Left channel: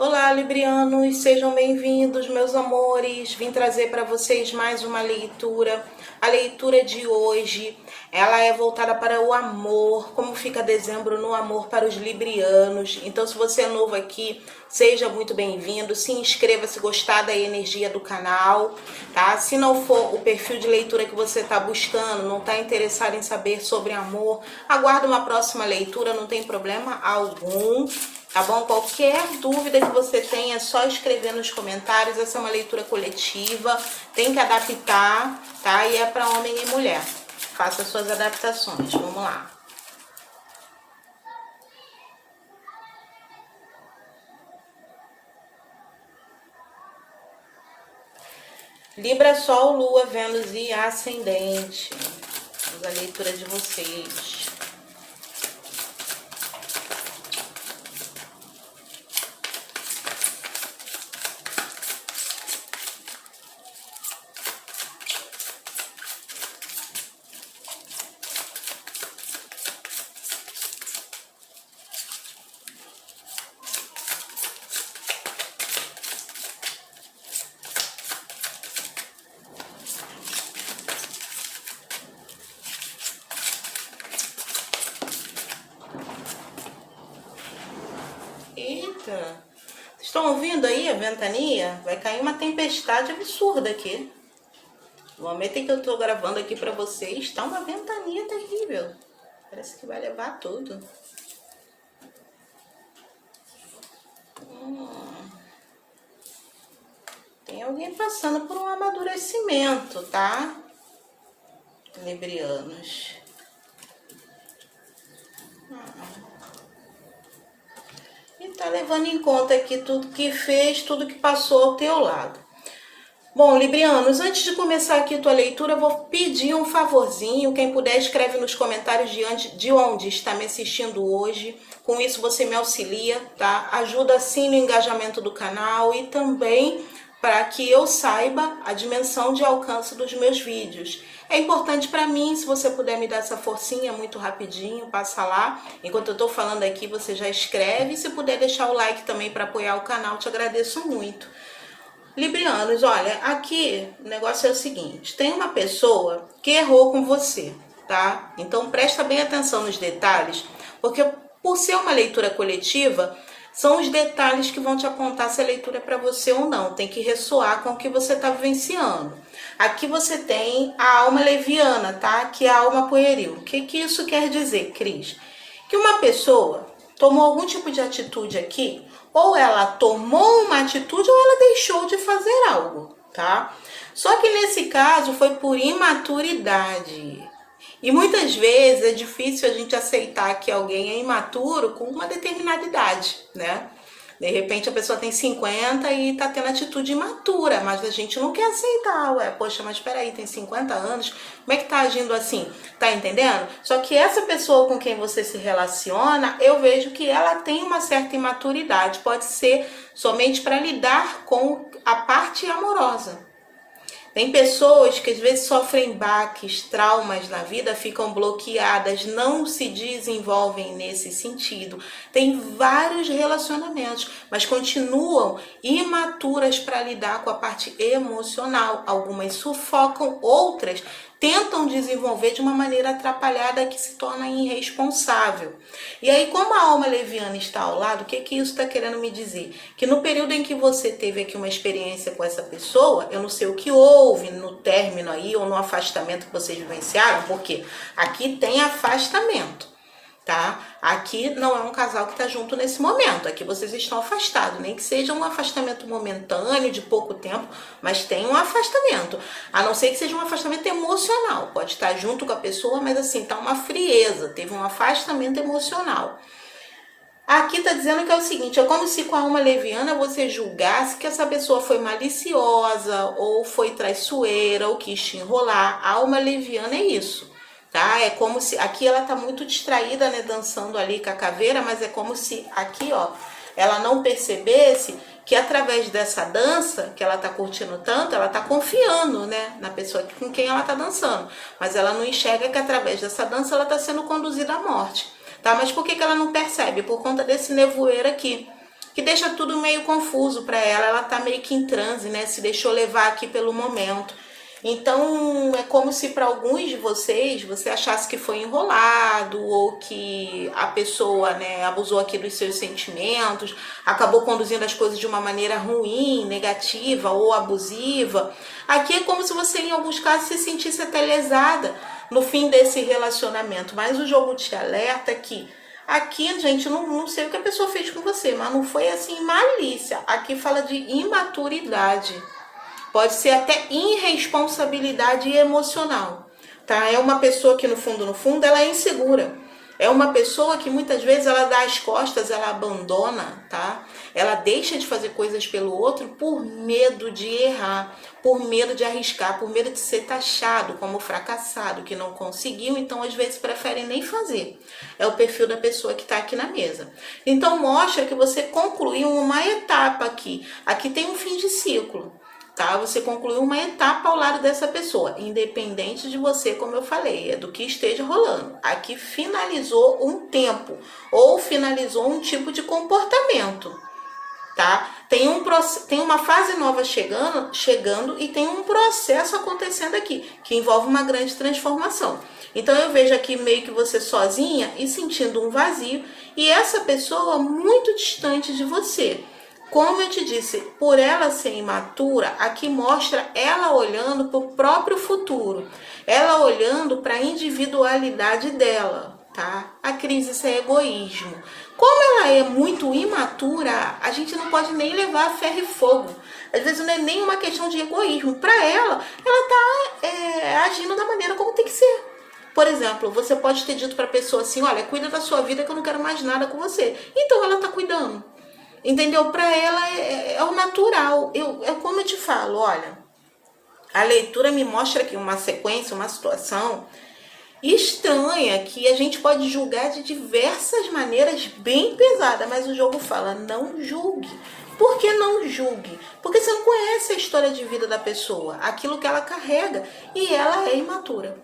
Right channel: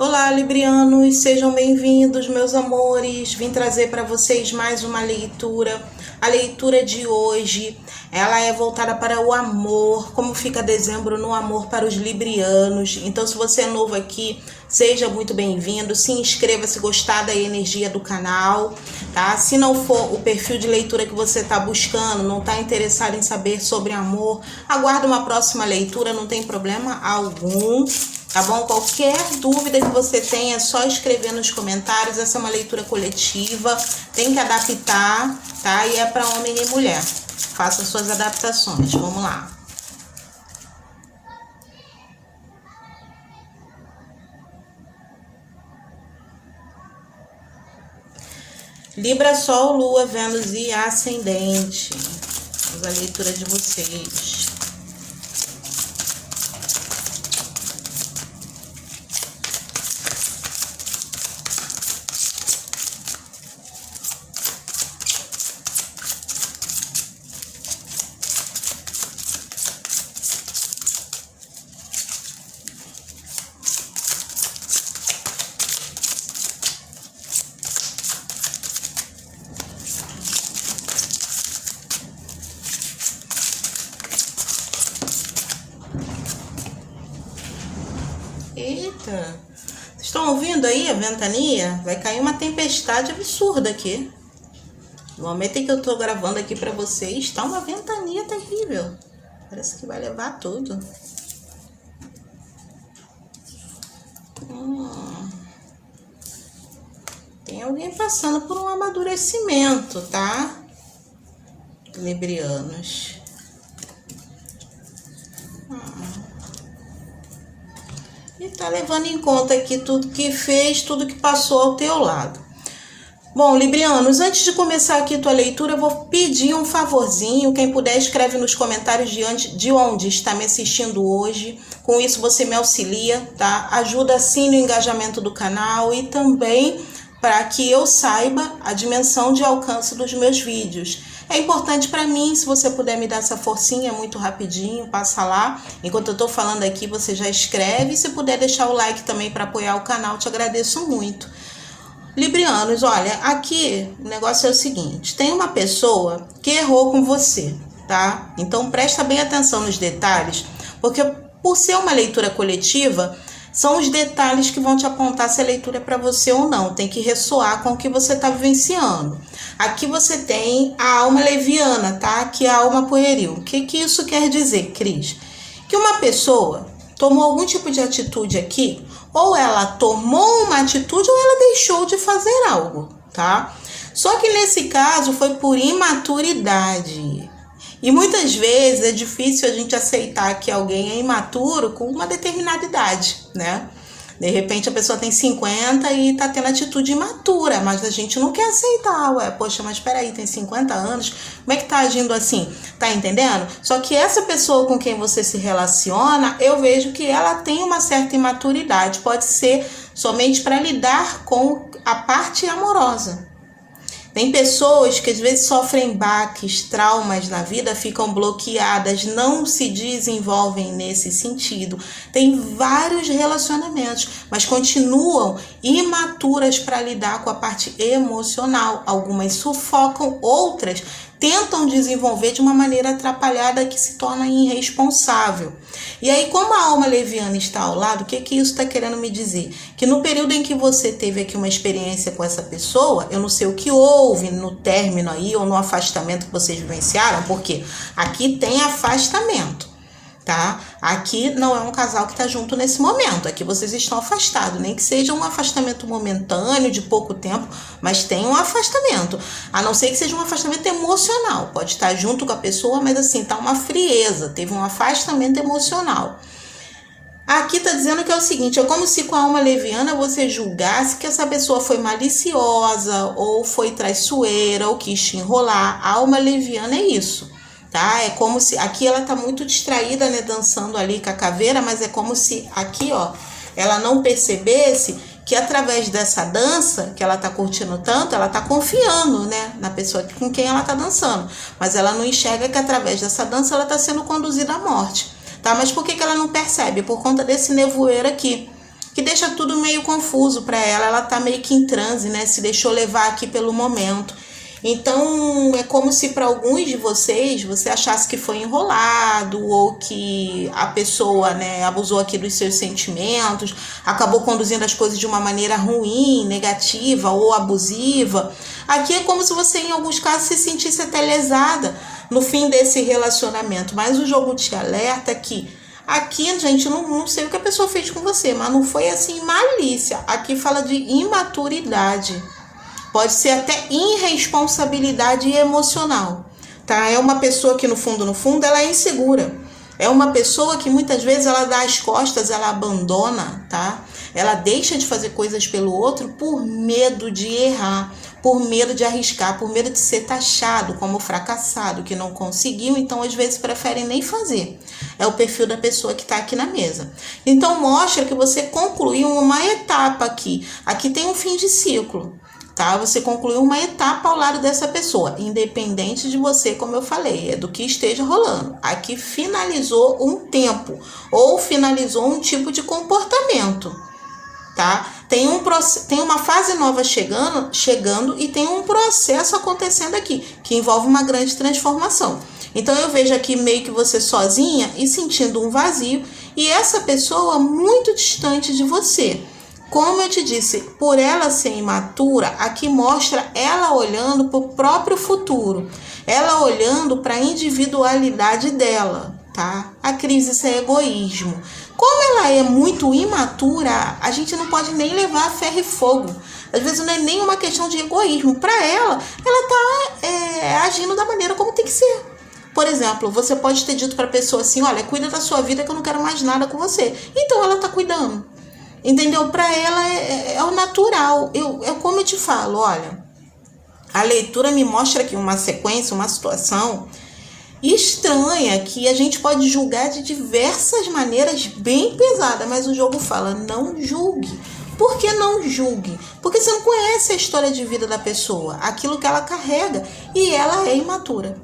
Olá, librianos, sejam bem-vindos, meus amores. Vim trazer para vocês mais uma leitura. A leitura de hoje, ela é voltada para o amor, como fica dezembro no amor para os librianos. Então, se você é novo aqui, seja muito bem-vindo. Se inscreva se gostar da energia do canal, tá? Se não for o perfil de leitura que você está buscando, não está interessado em saber sobre amor, aguarde uma próxima leitura, não tem problema algum. Tá bom? Qualquer dúvida que você tenha, é só escrever nos comentários. Essa é uma leitura coletiva, tem que adaptar, tá? E é para homem e mulher. Faça suas adaptações. Vamos lá. Libra, Sol, Lua, Vênus e Ascendente. Vamos à leitura de vocês. Eita, vocês estão ouvindo aí a ventania? Vai cair uma tempestade absurda aqui. No momento em que eu tô gravando aqui pra vocês, tá uma ventania terrível. Parece que vai levar tudo. Tem alguém passando por um amadurecimento, tá? Librianos. E tá levando em conta aqui tudo que fez, tudo que passou ao teu lado. Bom, librianos, antes de começar aqui tua leitura, eu vou pedir um favorzinho. Quem puder, escreve nos comentários de onde está me assistindo hoje. Com isso, você me auxilia, tá? Ajuda assim no engajamento do canal e também para que eu saiba a dimensão de alcance dos meus vídeos. É importante para mim, se você puder me dar essa forcinha muito rapidinho, passa lá. Enquanto eu tô falando aqui, você já escreve. Se puder deixar o like também para apoiar o canal, te agradeço muito. Librianos, olha, aqui o negócio é o seguinte, tem uma pessoa que errou com você, tá? Então presta bem atenção nos detalhes, porque por ser uma leitura coletiva, são os detalhes que vão te apontar se a leitura é para você ou não, tem que ressoar com o que você está vivenciando. Aqui você tem a alma leviana, tá? Que é a alma pueril. O que isso quer dizer, Cris? Que uma pessoa tomou algum tipo de atitude aqui, ou ela tomou uma atitude ou ela deixou de fazer algo, tá? Só que nesse caso foi por imaturidade. E muitas vezes é difícil a gente aceitar que alguém é imaturo com uma determinada idade, né? De repente a pessoa tem 50 e tá tendo atitude imatura, mas a gente não quer aceitar. Ué, poxa, mas peraí, tem 50 anos, como é que tá agindo assim? Tá entendendo? Só que essa pessoa com quem você se relaciona, eu vejo que ela tem uma certa imaturidade. Pode ser somente para lidar com a parte amorosa. Tem pessoas que às vezes sofrem baques, traumas na vida, ficam bloqueadas, não se desenvolvem nesse sentido. Tem vários relacionamentos, mas continuam imaturas para lidar com a parte emocional. Algumas sufocam, outras tentam desenvolver de uma maneira atrapalhada que se torna irresponsável. E aí, como a alma leviana está ao lado, o que isso está querendo me dizer? Que no período em que você teve aqui uma experiência com essa pessoa, eu não sei o que houve no término aí, ou no afastamento que vocês vivenciaram, porque aqui tem afastamento, tá? Aqui não é um casal que está junto nesse momento, aqui vocês estão afastados, nem que seja um afastamento momentâneo, de pouco tempo, mas tem um afastamento, a não ser que seja um afastamento emocional, pode estar junto com a pessoa, mas assim, tá uma frieza, teve um afastamento emocional. Aqui tá dizendo que é o seguinte, é como se com a alma leviana você julgasse que essa pessoa foi maliciosa, ou foi traiçoeira, ou quis te enrolar. A alma leviana é isso. Tá? É como se, aqui ela tá muito distraída, né, dançando ali com a caveira, mas é como se aqui, ó, ela não percebesse que através dessa dança que ela tá curtindo tanto, ela tá confiando, né, na pessoa com quem ela tá dançando, mas ela não enxerga que através dessa dança ela tá sendo conduzida à morte, tá? Mas por que ela não percebe? Por conta desse nevoeiro aqui. que deixa tudo meio confuso para ela. Ela tá meio que em transe, né? Se deixou levar aqui pelo momento. Então, é como se para alguns de vocês, você achasse que foi enrolado ou que a pessoa, né, abusou aqui dos seus sentimentos, acabou conduzindo as coisas de uma maneira ruim, negativa ou abusiva. Aqui é como se você, em alguns casos, se sentisse até lesada no fim desse relacionamento. Mas o jogo te alerta que aqui, gente, não sei o que a pessoa fez com você, mas não foi assim malícia. Aqui fala de imaturidade. Pode ser até irresponsabilidade emocional, tá? É uma pessoa que no fundo, ela é insegura. É uma pessoa que muitas vezes ela dá as costas, ela abandona, tá? Ela deixa de fazer coisas pelo outro por medo de errar, por medo de arriscar, por medo de ser taxado como fracassado, que não conseguiu, então às vezes preferem nem fazer. É o perfil da pessoa que está aqui na mesa. Então mostra que você concluiu uma etapa aqui. Aqui tem um fim de ciclo. Tá? Você concluiu uma etapa ao lado dessa pessoa, independente de você, como eu falei, é do que esteja rolando. Aqui finalizou um tempo ou finalizou um tipo de comportamento, tá? Tem uma fase nova chegando e tem um processo acontecendo aqui, que envolve uma grande transformação. Então eu vejo aqui meio que você sozinha e sentindo um vazio e essa pessoa muito distante de você. Como eu te disse, por ela ser imatura, aqui mostra ela olhando para o próprio futuro, ela olhando para a individualidade dela, tá? A crise, isso é egoísmo. Como ela é muito imatura, a gente não pode nem levar a ferro e fogo. Às vezes não é nem uma questão de egoísmo. Para ela tá agindo da maneira como tem que ser. Por exemplo, você pode ter dito para a pessoa assim, olha, cuida da sua vida que eu não quero mais nada com você. Então ela tá cuidando. Entendeu? Para ela é o natural. Como eu te falo, olha, a leitura me mostra aqui uma sequência, uma situação estranha que a gente pode julgar de diversas maneiras bem pesada, mas o jogo fala, não julgue. Por que não julgue? Porque você não conhece a história de vida da pessoa, aquilo que ela carrega, e ela é imatura.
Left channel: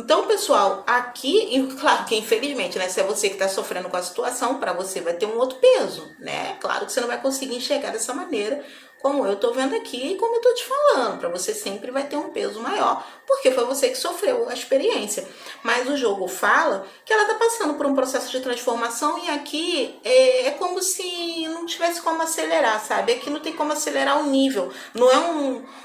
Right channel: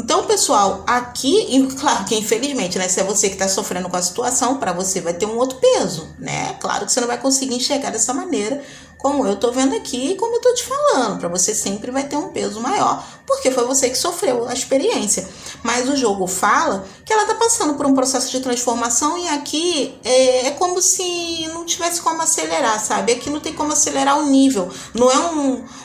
Então, pessoal, aqui, e claro que infelizmente, né, se é você que está sofrendo com a situação, para você vai ter um outro peso, né? Claro que você não vai conseguir enxergar dessa maneira, como eu tô vendo aqui e como eu tô te falando. Para você sempre vai ter um peso maior, porque foi você que sofreu a experiência. Mas o jogo fala que ela tá passando por um processo de transformação e aqui é como se não tivesse como acelerar, sabe? Aqui não tem como acelerar o nível, não é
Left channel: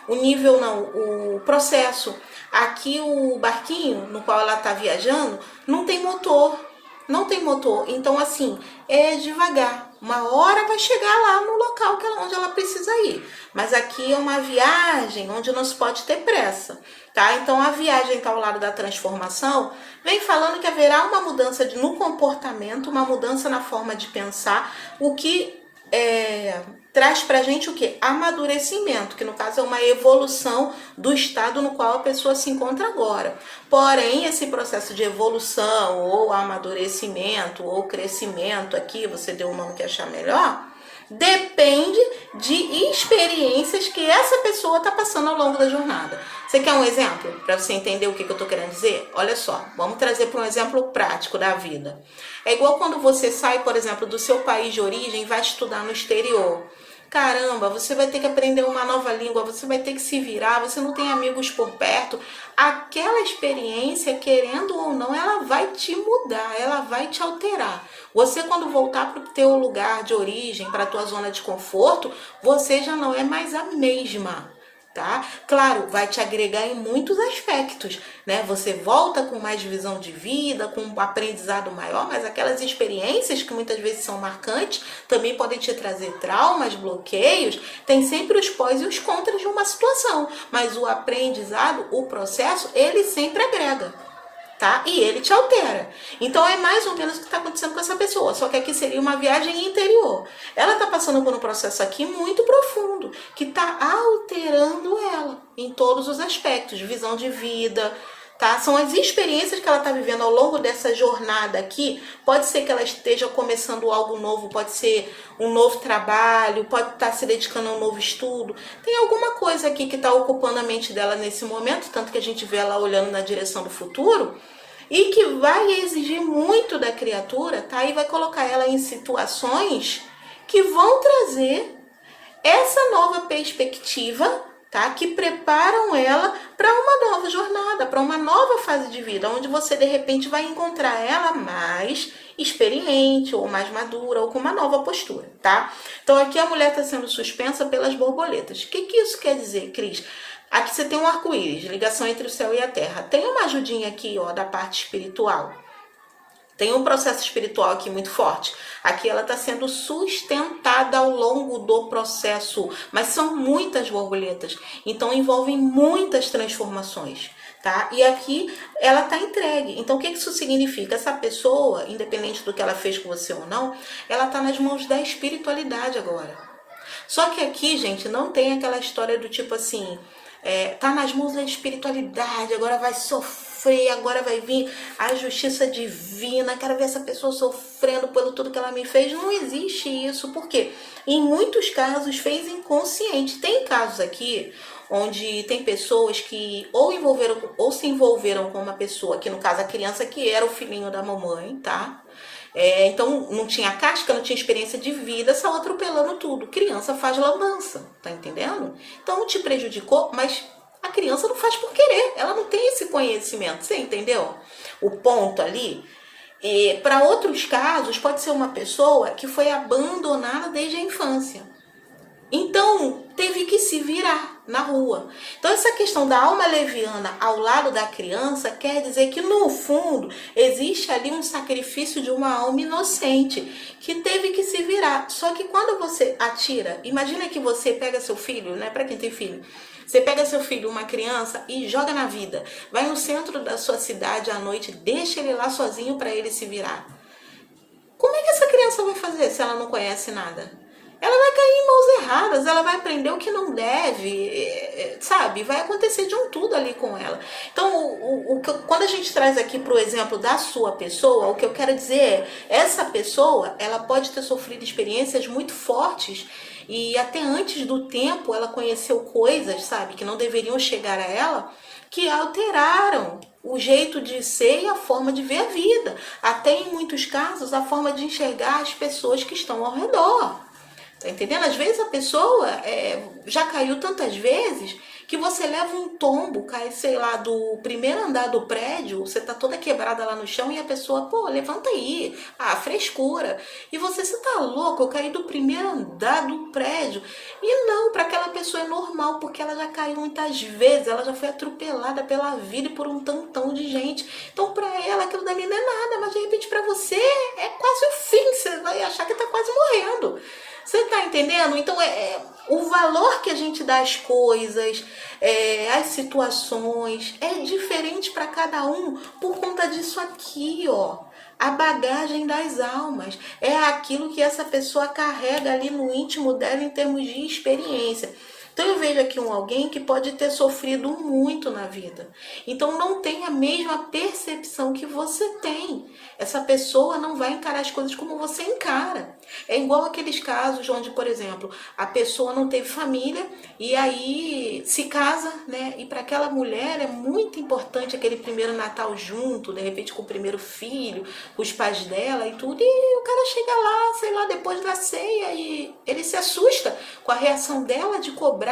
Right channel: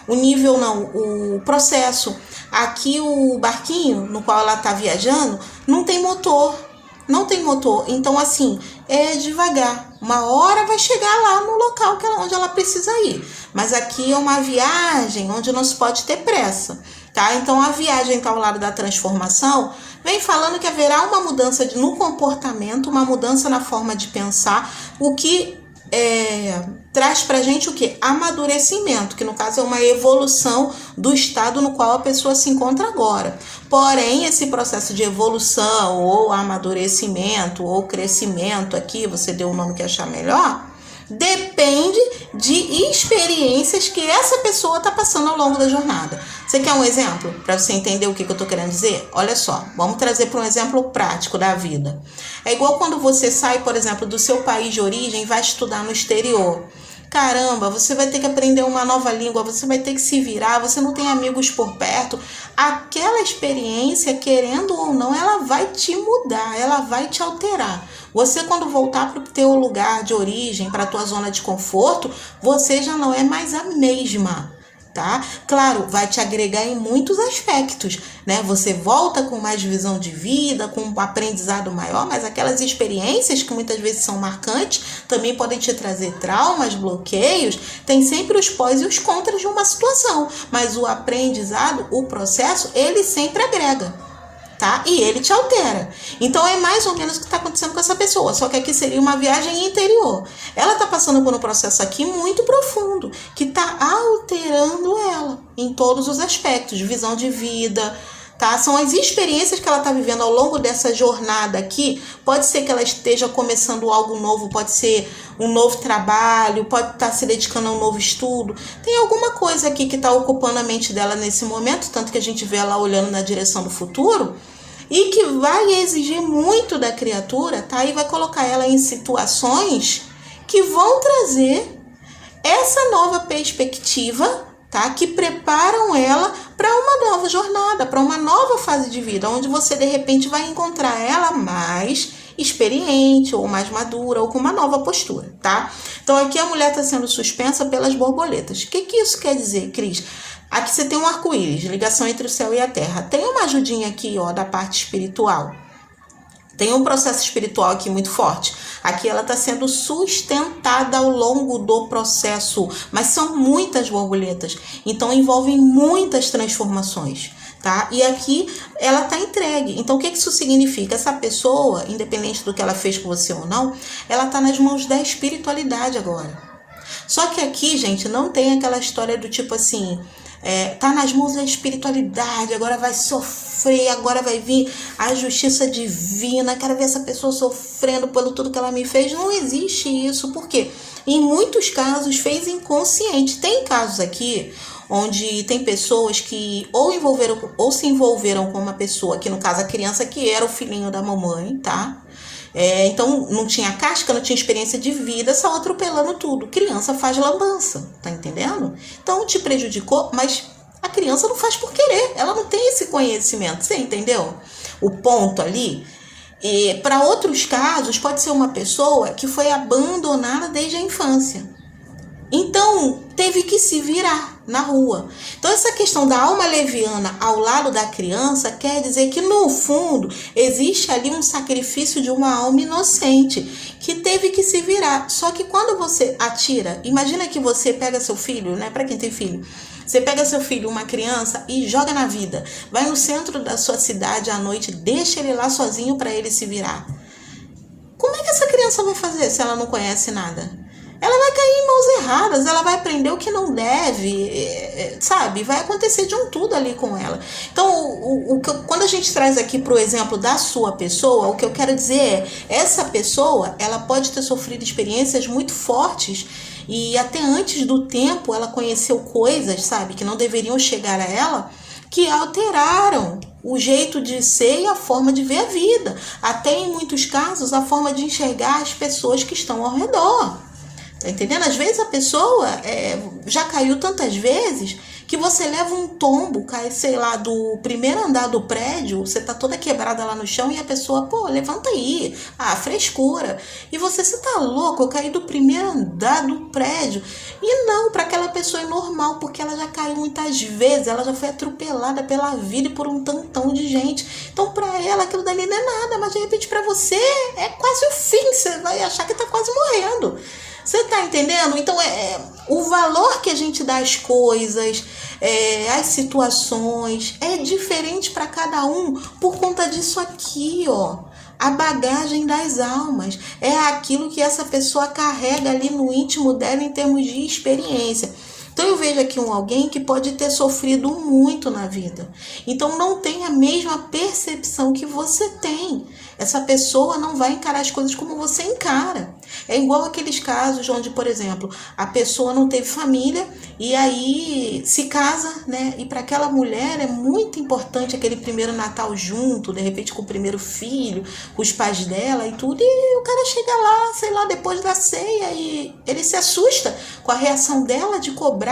o nível não, o processo. Aqui o barquinho no qual ela tá viajando não tem motor. Não tem motor, então assim, é devagar. Uma hora vai chegar lá no local onde ela precisa ir. Mas aqui é uma viagem onde não se pode ter pressa, tá? Então a viagem tá ao lado da transformação, vem falando que haverá uma mudança no comportamento, uma mudança na forma de pensar, o que traz pra gente o quê? Amadurecimento, que no caso é uma evolução do estado no qual a pessoa se encontra agora. Porém, esse processo de evolução, ou amadurecimento, ou crescimento aqui, você deu o nome que achar melhor, depende de experiências que essa pessoa está passando ao longo da jornada. Você quer um exemplo para você entender o que eu estou querendo dizer? Olha só, vamos trazer para um exemplo prático da vida. É igual quando você sai, por exemplo, do seu país de origem e vai estudar no exterior. Caramba, você vai ter que aprender uma nova língua, você vai ter que se virar, você não tem amigos por perto. Aquela experiência, querendo ou não, ela vai te mudar, ela vai te alterar. Você, quando voltar para o teu lugar de origem, para a tua zona de conforto, você já não é mais a mesma. Tá? Claro, vai te agregar em muitos aspectos, né? Você volta com mais visão de vida, com um aprendizado maior, mas aquelas experiências que muitas vezes são marcantes, também podem te trazer traumas, bloqueios, tem sempre os pós e os contras de uma situação, mas o aprendizado, o processo, ele sempre agrega. Tá? E ele te altera. Então é mais ou menos o que está acontecendo com essa pessoa, só que aqui seria uma viagem interior. Ela está passando por um processo aqui muito profundo, que está alterando ela em todos os aspectos, visão de vida, tá? São as experiências que ela está vivendo ao longo dessa jornada aqui. Pode ser que ela esteja começando algo novo, pode ser um novo trabalho, pode estar se dedicando a um novo estudo. Tem alguma coisa aqui que está ocupando a mente dela nesse momento, tanto que a gente vê ela olhando na direção do futuro, e que vai exigir muito da criatura, tá? E vai colocar ela em situações que vão trazer essa nova perspectiva, tá? Que preparam ela para uma nova jornada, para uma nova fase de vida, onde você de repente vai encontrar ela mais experiente, ou mais madura, ou com uma nova postura, tá? Então aqui a mulher está sendo suspensa pelas borboletas. O que isso quer dizer, Cris? Aqui você tem um arco-íris, ligação entre o céu e a terra. Tem uma ajudinha aqui, ó, da parte espiritual. Tem um processo espiritual aqui muito forte. Aqui ela está sendo sustentada ao longo do processo, mas são muitas borboletas, então envolvem muitas transformações, tá? E aqui ela está entregue. Então o que isso significa? Essa pessoa, independente do que ela fez com você ou não, ela está nas mãos da espiritualidade agora. Só que aqui, gente, não tem aquela história do tipo assim, tá nas mãos da espiritualidade, agora vai sofrer, agora vai vir a justiça divina, quero ver essa pessoa sofrendo pelo tudo que ela me fez. Não existe isso, porque em muitos casos fez inconsciente. Tem casos aqui onde tem pessoas que ou se envolveram com uma pessoa, que no caso a criança que era o filhinho da mamãe, tá? Então não tinha casca, não tinha experiência de vida, saiu atropelando tudo. Criança faz lambança, tá entendendo? Então te prejudicou, mas a criança não faz por querer, ela não tem esse conhecimento, você entendeu? O ponto ali. E para outros casos, pode ser uma pessoa que foi abandonada desde a infância. Então, teve que se virar na rua. Então, essa questão da alma leviana ao lado da criança quer dizer que, no fundo, existe ali um sacrifício de uma alma inocente que teve que se virar. Só que quando você atira, imagina que você pega seu filho, né? Para quem tem filho, você pega seu filho, uma criança, e joga na vida. Vai no centro da sua cidade à noite, deixa ele lá sozinho para ele se virar. Como é que essa criança vai fazer se ela não conhece nada? Ela vai cair em mãos erradas, ela vai aprender o que não deve, sabe? Vai acontecer de um tudo ali com ela. Então, quando a gente traz aqui para o exemplo da sua pessoa, o que eu quero dizer é, essa pessoa, ela pode ter sofrido experiências muito fortes e até antes do tempo ela conheceu coisas, sabe, que não deveriam chegar a ela, que alteraram o jeito de ser e a forma de ver a vida. Até em muitos casos, a forma de enxergar as pessoas que estão ao redor. Tá entendendo? Às vezes a pessoa já caiu tantas vezes que você leva um tombo, cai, sei lá, do primeiro andar do prédio, você tá toda quebrada lá no chão e a pessoa, pô, levanta aí, frescura. E você tá louco, eu caí do primeiro andar do prédio. E não, para aquela pessoa é normal, porque ela já caiu muitas vezes, ela já foi atropelada pela vida e por um tantão de gente. Então, para ela, aquilo dali não é nada, mas de repente para você é quase o fim, você vai achar que tá quase morrendo. Você tá entendendo? Então, o valor que a gente dá às coisas, às situações, é diferente para cada um por conta disso aqui, ó. A bagagem das almas. É aquilo que essa pessoa carrega ali no íntimo dela em termos de experiência. Então eu vejo aqui alguém que pode ter sofrido muito na vida. Então não tem a mesma percepção que você tem. Essa pessoa não vai encarar as coisas como você encara. É igual aqueles casos onde, por exemplo, a pessoa não teve família e aí se casa, né? E para aquela mulher é muito importante aquele primeiro Natal junto, de repente com o primeiro filho, com os pais dela e tudo. E o cara chega lá, sei lá, depois da ceia e ele se assusta com a reação dela de cobrar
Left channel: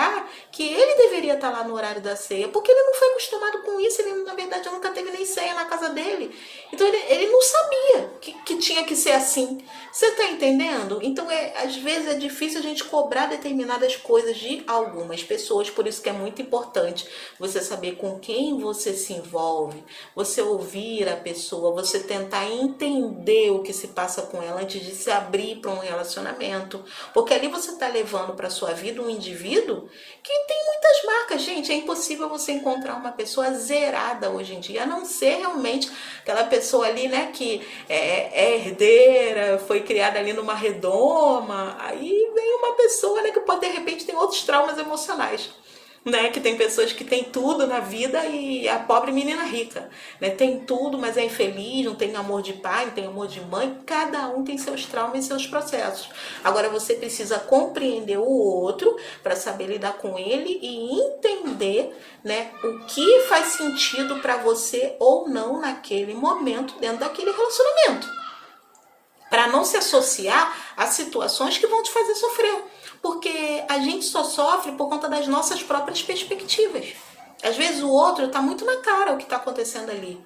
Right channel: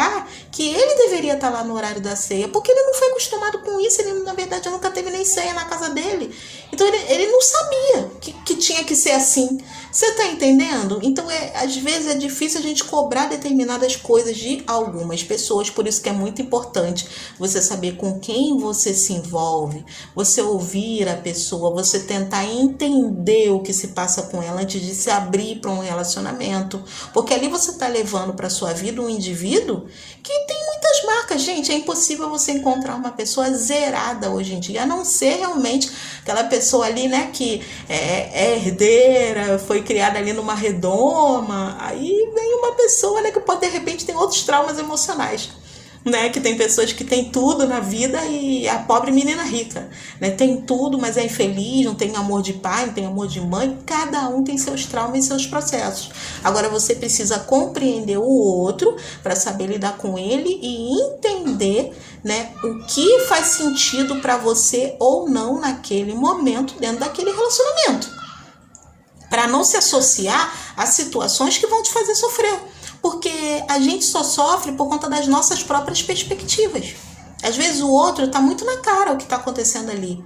que ele deveria estar lá no horário da ceia, porque ele não foi acostumado com isso, ele na verdade nunca teve nem ceia na casa dele. Então ele não sabia que tinha que ser assim. Você tá entendendo? Então às vezes é difícil a gente cobrar determinadas coisas de algumas pessoas, por isso que é muito importante você saber com quem você se envolve, você ouvir a pessoa, você tentar entender o que se passa com ela antes de se abrir para um relacionamento, porque ali você tá levando para sua vida um indivíduo que tem muitas marcas. Gente, é impossível você encontrar uma pessoa zerada hoje em dia, a não ser realmente aquela pessoa ali, né, que é herdeira, foi criada ali numa redoma. Aí vem uma pessoa, né, que pode, de repente, ter outros traumas emocionais, né, que tem pessoas que têm tudo na vida e a pobre menina rica, né, tem tudo, mas é infeliz, não tem amor de pai, não tem amor de mãe. Cada um tem seus traumas e seus processos. Agora você precisa compreender o outro para saber lidar com ele e entender, né, o que faz sentido para você ou não naquele momento dentro daquele relacionamento. para não se associar a situações que vão te fazer sofrer, porque a gente só sofre por conta das nossas próprias perspectivas. Às vezes o outro está muito na cara o que está acontecendo ali,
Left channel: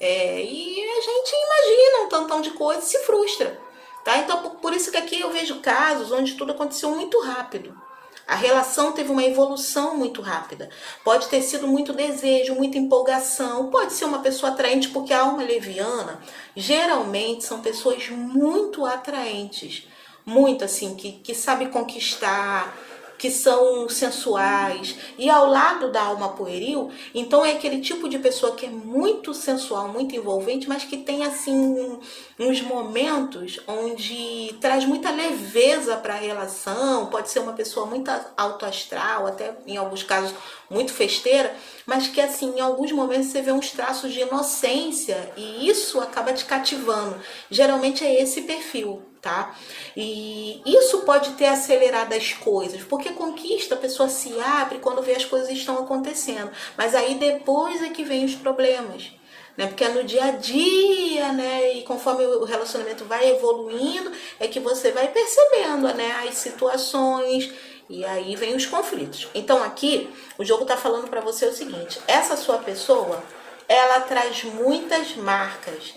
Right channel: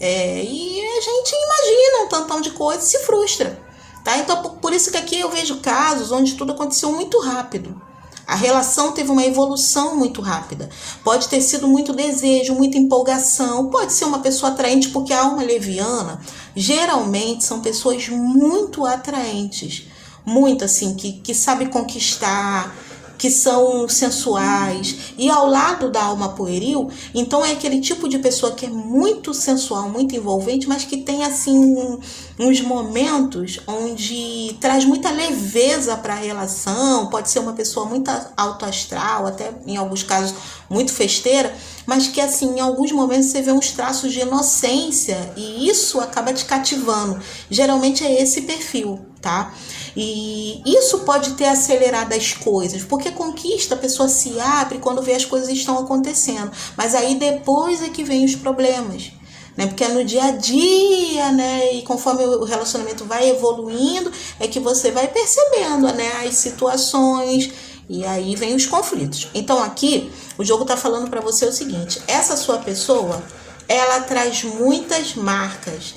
e a gente imagina um tantão de coisa e se frustra, tá? Então por isso que aqui eu vejo casos onde tudo aconteceu muito rápido. A relação teve uma evolução muito rápida. Pode ter sido muito desejo, muita empolgação. Pode ser uma pessoa atraente, porque a alma leviana, geralmente, são pessoas muito atraentes. Muito, assim, que sabem conquistar, que são sensuais. E ao lado da alma pueril, então é aquele tipo de pessoa que é muito sensual, muito envolvente, mas que tem, assim, uns momentos onde traz muita leveza para a relação. Pode ser uma pessoa muito autoastral, até em alguns casos muito festeira, mas que, assim, em alguns momentos você vê uns traços de inocência e isso acaba te cativando. Geralmente é esse perfil, tá? E isso pode ter acelerado as coisas, porque conquista, a pessoa se abre quando vê as coisas estão acontecendo, mas aí depois é que vem os problemas, né? Porque é no dia a dia, né? E conforme o relacionamento vai evoluindo, é que você vai percebendo, né, as situações, e aí vem os conflitos. Então aqui o jogo tá falando para você o seguinte: essa sua pessoa, ela traz muitas marcas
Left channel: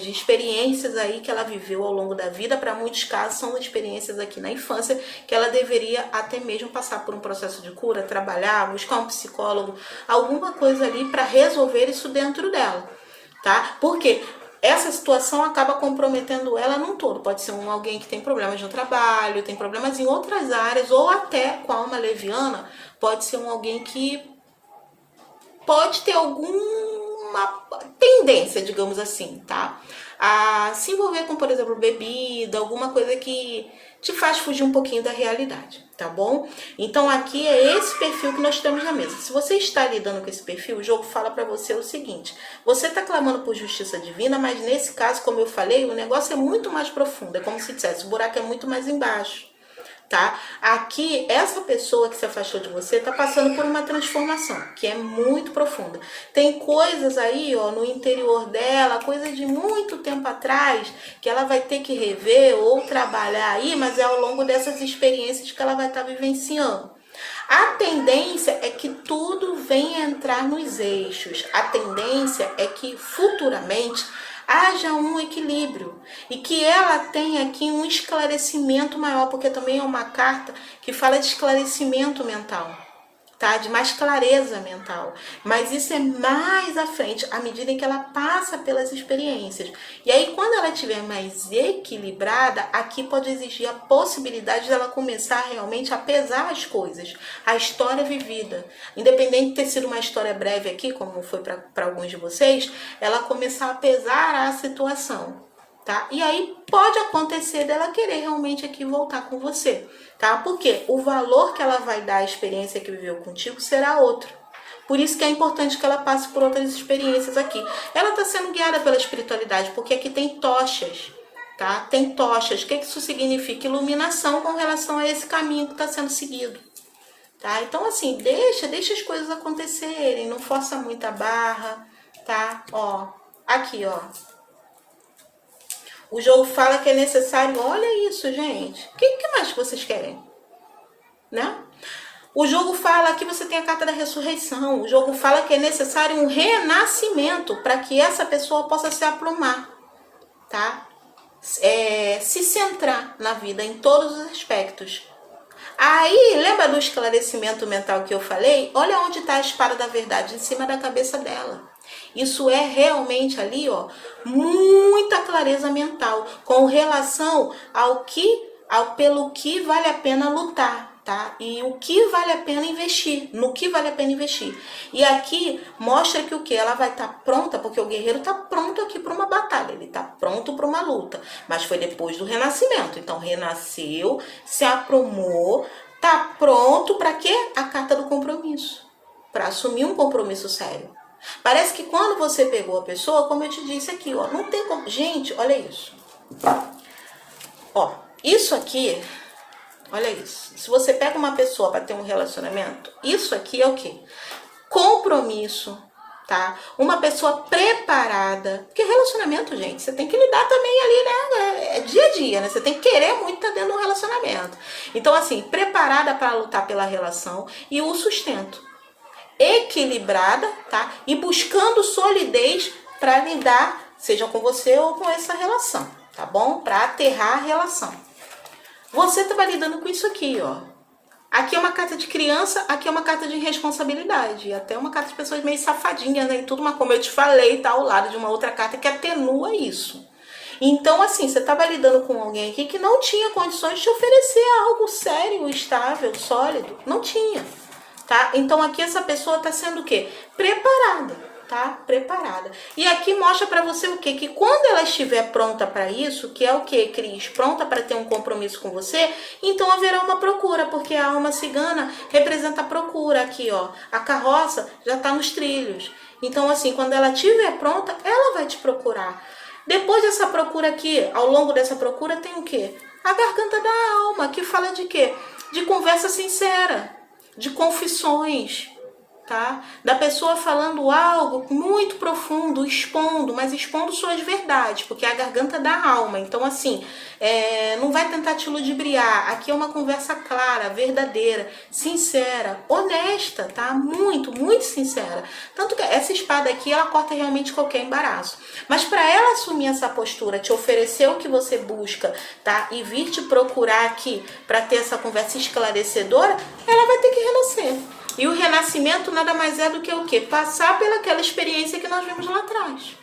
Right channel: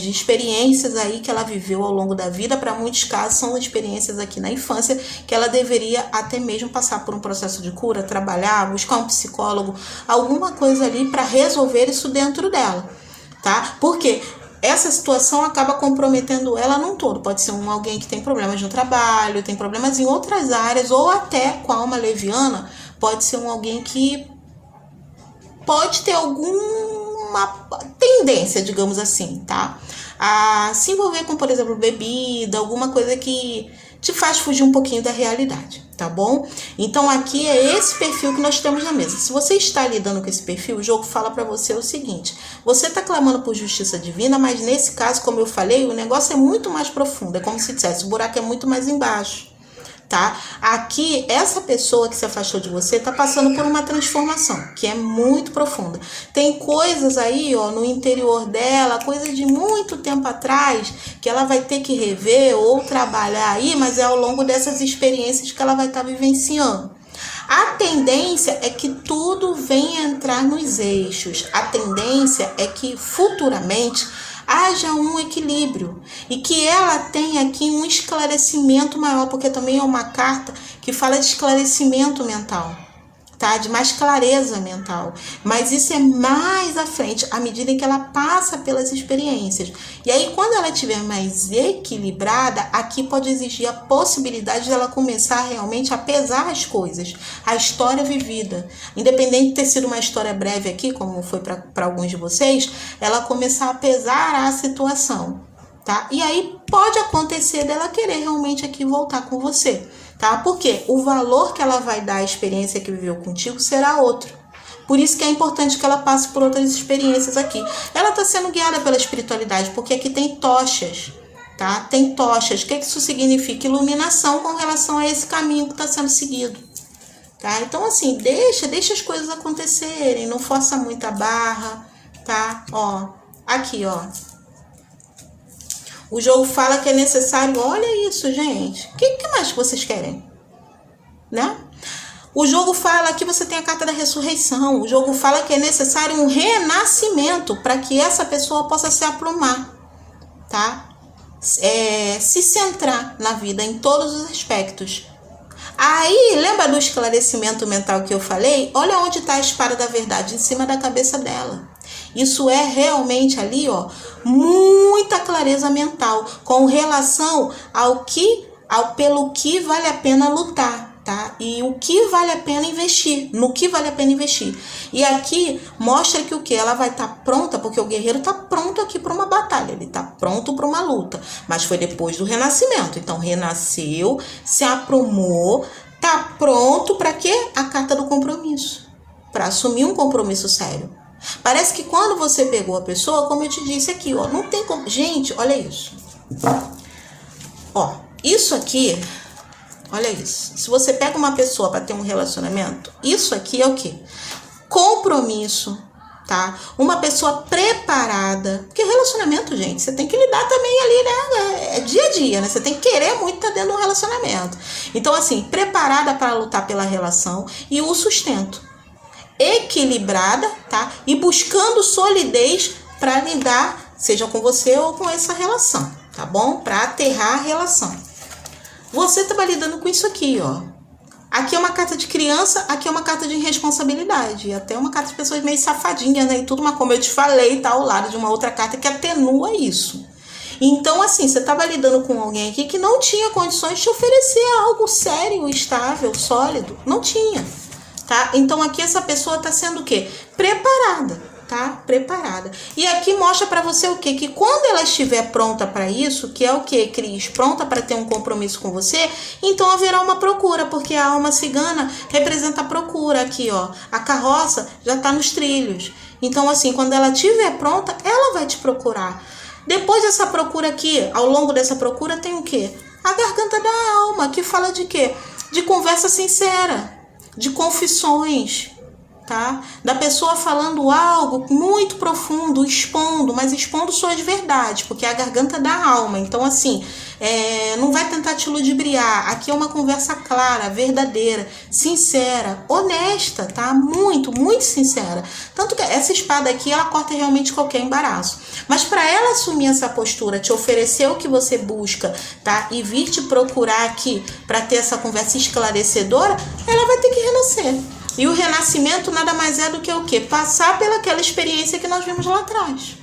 de experiências aí que ela viveu ao longo da vida. Para muitos casos são experiências aqui na infância que ela deveria até mesmo passar por um processo de cura, trabalhar, buscar um psicólogo, alguma coisa ali para resolver isso dentro dela, tá? Porque essa situação acaba comprometendo ela num todo. Pode ser alguém que tem problemas no trabalho, tem problemas em outras áreas, ou até com a alma leviana, pode ser alguém que pode ter alguma tendência, digamos assim, tá? A se envolver com, por exemplo, bebida, alguma coisa que te faz fugir um pouquinho da realidade, tá bom? Então aqui é esse perfil que nós temos na mesa. Se você está lidando com esse perfil, o jogo fala para você o seguinte: você está clamando por justiça divina, mas nesse caso, como eu falei, o negócio é muito mais profundo. É como se dissesse, o buraco é muito mais embaixo, tá? Aqui, essa pessoa que se afastou de você tá passando por uma transformação que é muito profunda. Tem coisas aí, ó, no interior dela, coisa de muito tempo atrás, que ela vai ter que rever ou trabalhar aí, mas é ao longo dessas experiências que ela vai estar vivenciando. A tendência é que tudo venha entrar nos eixos. A tendência é que futuramente haja um equilíbrio e que ela tenha aqui um esclarecimento maior, porque também é uma carta que fala de esclarecimento mental, tá? De mais clareza mental. Mas isso é mais à frente, à medida em que ela passa pelas experiências. E aí, quando ela estiver mais equilibrada, aqui pode existir a possibilidade dela começar realmente a pesar as coisas, a história vivida. Independente de ter sido uma história breve aqui, como foi para alguns de vocês, ela começar a pesar a situação, tá? E aí pode acontecer dela querer realmente aqui voltar com você, tá? Porque o valor que ela vai dar à experiência que viveu contigo será outro. Por isso que é importante que ela passe por outras experiências aqui. Ela está sendo guiada pela espiritualidade, porque aqui tem tochas, tá? Tem tochas. O que isso significa? Iluminação com relação a esse caminho que está sendo seguido, tá? Então, assim, deixa as coisas acontecerem, não força muita barra, tá? Ó, aqui, ó. O jogo fala que é necessário... Olha isso, gente. O que mais que vocês querem? Né? O jogo fala que você tem a carta da ressurreição. O jogo fala que é necessário um renascimento para que essa pessoa possa se aprumar, tá? Se centrar na vida em todos os aspectos. Aí, lembra do esclarecimento mental que eu falei? Olha onde está a espada da verdade, em cima da cabeça dela. Isso é realmente ali, ó, muita clareza mental com relação pelo que vale a pena lutar, tá? E o que vale a pena investir, no que vale a pena investir. E aqui mostra que o que? Ela vai estar pronta, porque o guerreiro está pronto aqui para uma batalha, ele está pronto para uma luta, mas foi depois do renascimento. Então renasceu, se aprumou, tá pronto para quê? A carta do compromisso, para assumir um compromisso sério. Parece que quando você pegou a pessoa, como eu te disse aqui, ó, não tem como... Gente, olha isso. Ó, isso aqui, olha isso. Se você pega uma pessoa para ter um relacionamento, isso aqui é o quê? Compromisso, tá? Uma pessoa preparada, porque relacionamento, gente, você tem que lidar também ali, né? É dia a dia, né? Você tem que querer muito estar dentro de um relacionamento. Então, assim, preparada para lutar pela relação e o sustento. Equilibrada, tá? E buscando solidez para lidar, seja com você ou com essa relação, tá bom? Para aterrar a relação. Você tá lidando com isso aqui, ó. Aqui é uma carta de criança, aqui é uma carta de irresponsabilidade. Até uma carta de pessoas meio safadinhas, né? E tudo, mas como eu te falei, tá ao lado de uma outra carta que atenua isso. Então, assim, você estava lidando com alguém aqui que não tinha condições de te oferecer algo sério, estável, sólido. Não tinha, tá? Então, aqui essa pessoa tá sendo o quê? Preparada. Tá? Preparada. E aqui mostra para você o quê? Que quando ela estiver pronta para isso, que é o quê, Cris? Pronta para ter um compromisso com você, então haverá uma procura, porque a alma cigana representa a procura aqui, ó. A carroça já tá nos trilhos. Então, assim, quando ela estiver pronta, ela vai te procurar. Depois dessa procura aqui, ao longo dessa procura, tem o quê? A garganta da alma, que fala de quê? De conversa sincera, de confissões, tá? Da pessoa falando algo muito profundo, expondo, mas expondo suas verdades, porque é a garganta da alma. Então, assim, não vai tentar te ludibriar. Aqui é uma conversa clara, verdadeira, sincera, honesta, tá? Muito, muito sincera. Tanto que essa espada aqui, ela corta realmente qualquer embaraço. Mas para ela assumir essa postura, te oferecer o que você busca, tá? E vir te procurar aqui para ter essa conversa esclarecedora, ela vai ter que renascer. E o renascimento nada mais é do que o quê? Passar pelaquela experiência que nós vimos lá atrás.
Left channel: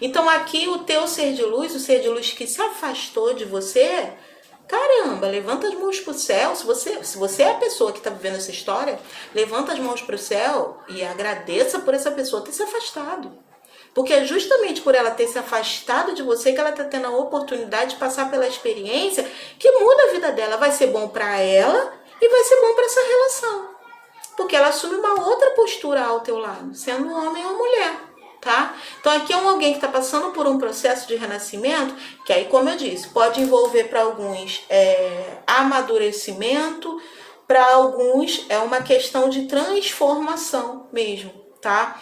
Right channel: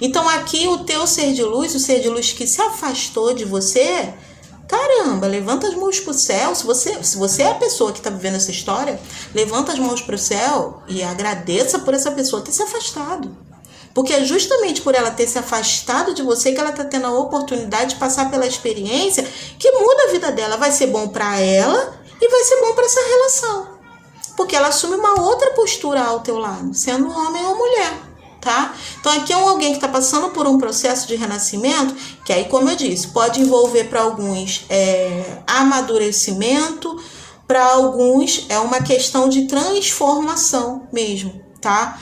Então aqui o teu ser de luz, o ser de luz que se afastou de você, caramba, levanta as mãos pro céu. Se você é a pessoa que está vivendo essa história, levanta as mãos pro céu e agradeça por essa pessoa ter se afastado. Porque é justamente por ela ter se afastado de você que ela está tendo a oportunidade de passar pela experiência que muda a vida dela. Vai ser bom para ela e vai ser bom para essa relação. Porque ela assume uma outra postura ao teu lado, sendo homem ou mulher, tá? Então aqui é alguém que está passando por um processo de renascimento, que aí, como eu disse, pode envolver para alguns amadurecimento, para alguns é uma questão de transformação mesmo, tá?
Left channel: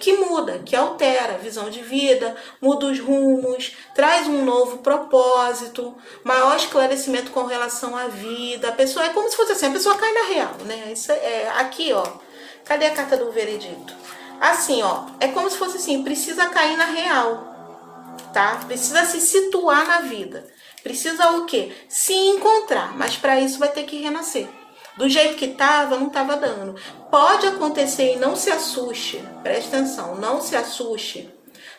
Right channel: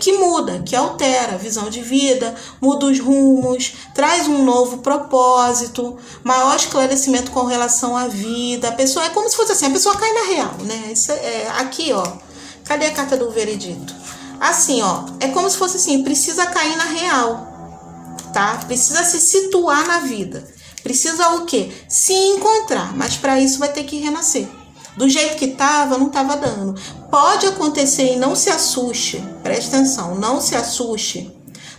Que muda, que altera a visão de vida, muda os rumos, traz um novo propósito, maior esclarecimento com relação à vida. A pessoa é como se fosse assim, a pessoa cai na real, né? Isso aqui, ó. Cadê a carta do veredito? Assim, ó, é como se fosse assim, precisa cair na real, tá? Precisa se situar na vida. Precisa o quê? Se encontrar, mas para isso vai ter que renascer. Do jeito que tava, não tava dando. Pode acontecer e não se assuste. Preste atenção, não se assuste.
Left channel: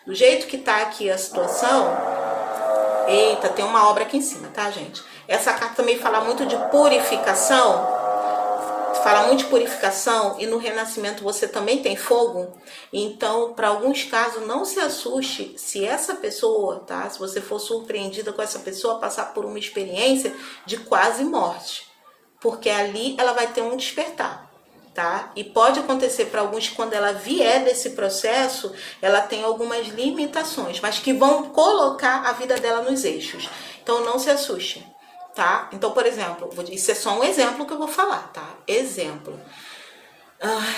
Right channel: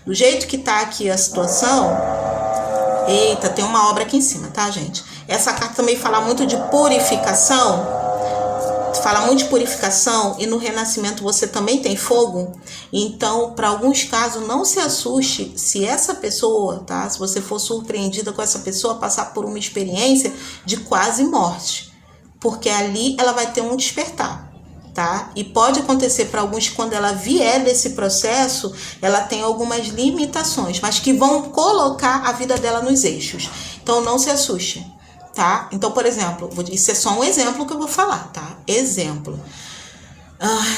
Do jeito que tá aqui a situação... Eita, tem uma obra aqui em cima, tá, gente? Essa carta também fala muito de purificação. Fala muito de purificação e no renascimento você também tem fogo. Então, para alguns casos, não se assuste se essa pessoa, tá? Se você for surpreendida com essa pessoa, passar por uma experiência de quase morte. Porque ali ela vai ter um despertar, tá? E pode acontecer para alguns que quando ela vier desse processo, ela tem algumas limitações, mas que vão colocar a vida dela nos eixos. Então não se assuste, tá? Então, por exemplo, isso é só um exemplo que eu vou falar, tá? Exemplo.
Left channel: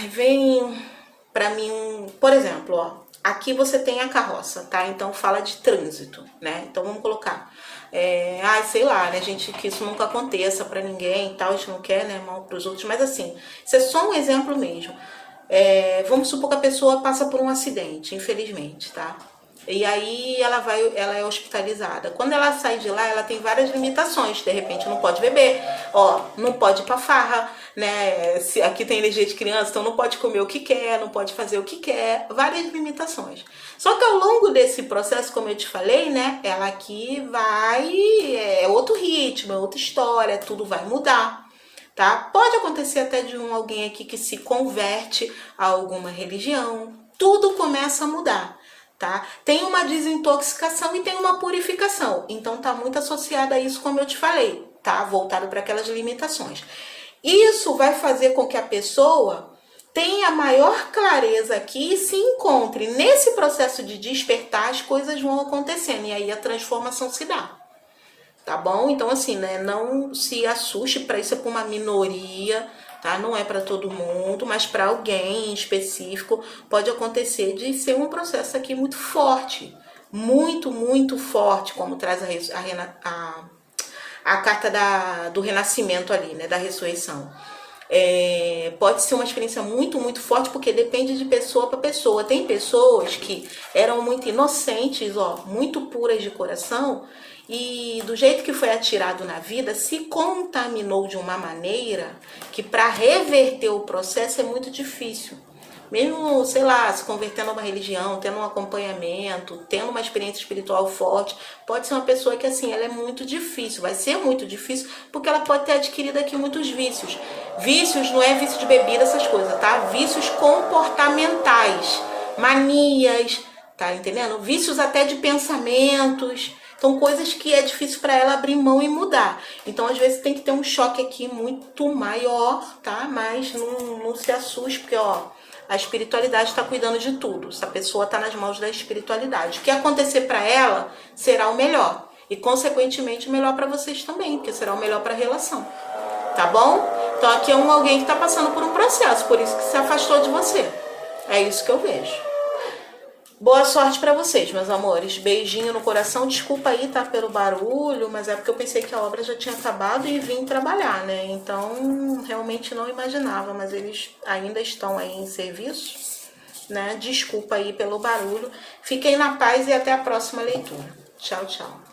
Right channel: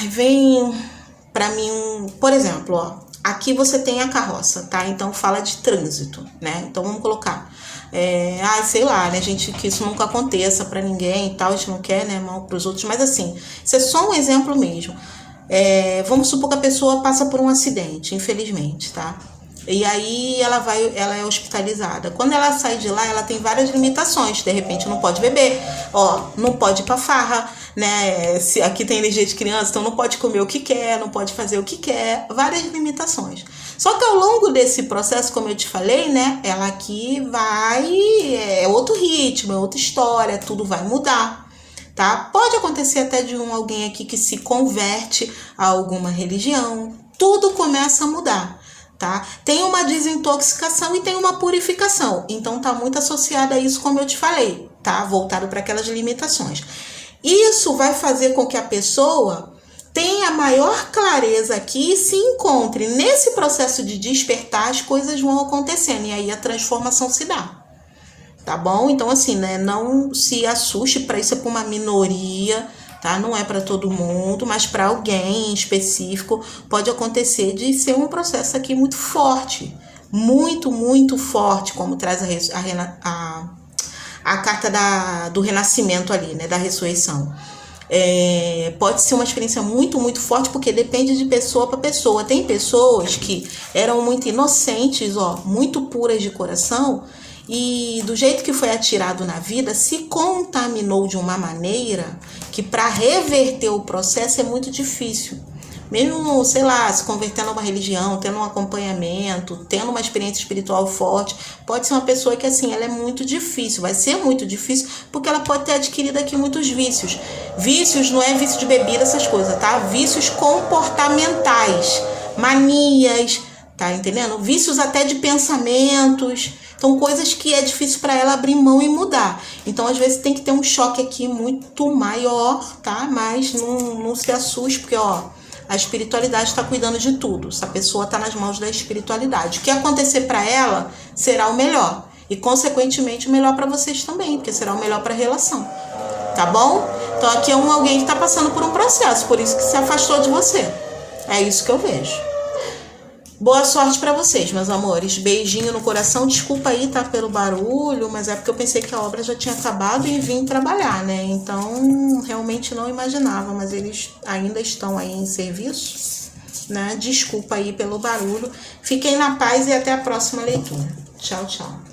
Vem para mim por exemplo, ó, aqui você tem a carroça, tá? Então fala de trânsito, né? Então vamos colocar sei lá, né, gente, que isso nunca aconteça pra ninguém e tal, a gente não quer, né, mal pros outros, mas assim, isso é só um exemplo mesmo. Vamos supor que a pessoa passa por um acidente, infelizmente, tá? E aí ela é hospitalizada. Quando ela sai de lá, ela tem várias limitações. De repente não pode beber, ó, não pode ir pra farra, né? Se aqui tem energia de criança, então não pode comer o que quer, não pode fazer o que quer, várias limitações. Só que ao longo desse processo, como eu te falei, né, ela aqui é outro ritmo, é outra história, tudo vai mudar. Tá? Pode acontecer até de alguém aqui que se converte a alguma religião, tudo começa a mudar. Tá? Tem uma desintoxicação e tem uma purificação. Então tá muito associado a isso, como eu te falei, tá? Voltado para aquelas limitações. Isso vai fazer com que a pessoa tenha maior clareza aqui e se encontre. Nesse processo de despertar, as coisas vão acontecendo e aí a transformação se dá. Tá bom? Então assim, né, não se assuste, para isso é para uma minoria, tá? Não é para todo mundo, mas para alguém em específico pode acontecer de ser um processo aqui muito forte, muito, muito forte, como traz a carta do renascimento ali, né, da ressurreição. Pode ser uma experiência muito, muito forte, porque depende de pessoa para pessoa. Tem pessoas que eram muito inocentes, muito puras de coração, e do jeito que foi atirado na vida, se contaminou de uma maneira que para reverter o processo é muito difícil. Mesmo, sei lá, se convertendo a uma religião, tendo um acompanhamento, tendo uma experiência espiritual forte, pode ser uma pessoa que, assim, ela é muito difícil, vai ser muito difícil, porque ela pode ter adquirido aqui muitos vícios. Vícios não é vício de bebida, essas coisas, tá? Vícios comportamentais, manias, tá entendendo? Vícios até de pensamentos. Então, coisas que é difícil para ela abrir mão e mudar. Então, às vezes, tem que ter um choque aqui muito maior, tá? Mas não se assuste, porque, a espiritualidade está cuidando de tudo. Essa pessoa está nas mãos da espiritualidade. O que acontecer para ela será o melhor. E, consequentemente, o melhor para vocês também, porque será o melhor para a relação. Tá bom? Então, aqui é alguém que está passando por um processo, por isso que se afastou de você. É isso que eu vejo. Boa sorte para vocês, meus amores. Beijinho no coração. Desculpa aí, tá, pelo barulho, mas é porque eu pensei que a obra já tinha acabado e vim trabalhar, né? Então, realmente não imaginava, mas eles ainda estão aí em serviço, né? Desculpa aí pelo barulho. Fiquem na paz e até a próxima leitura. Tchau, tchau.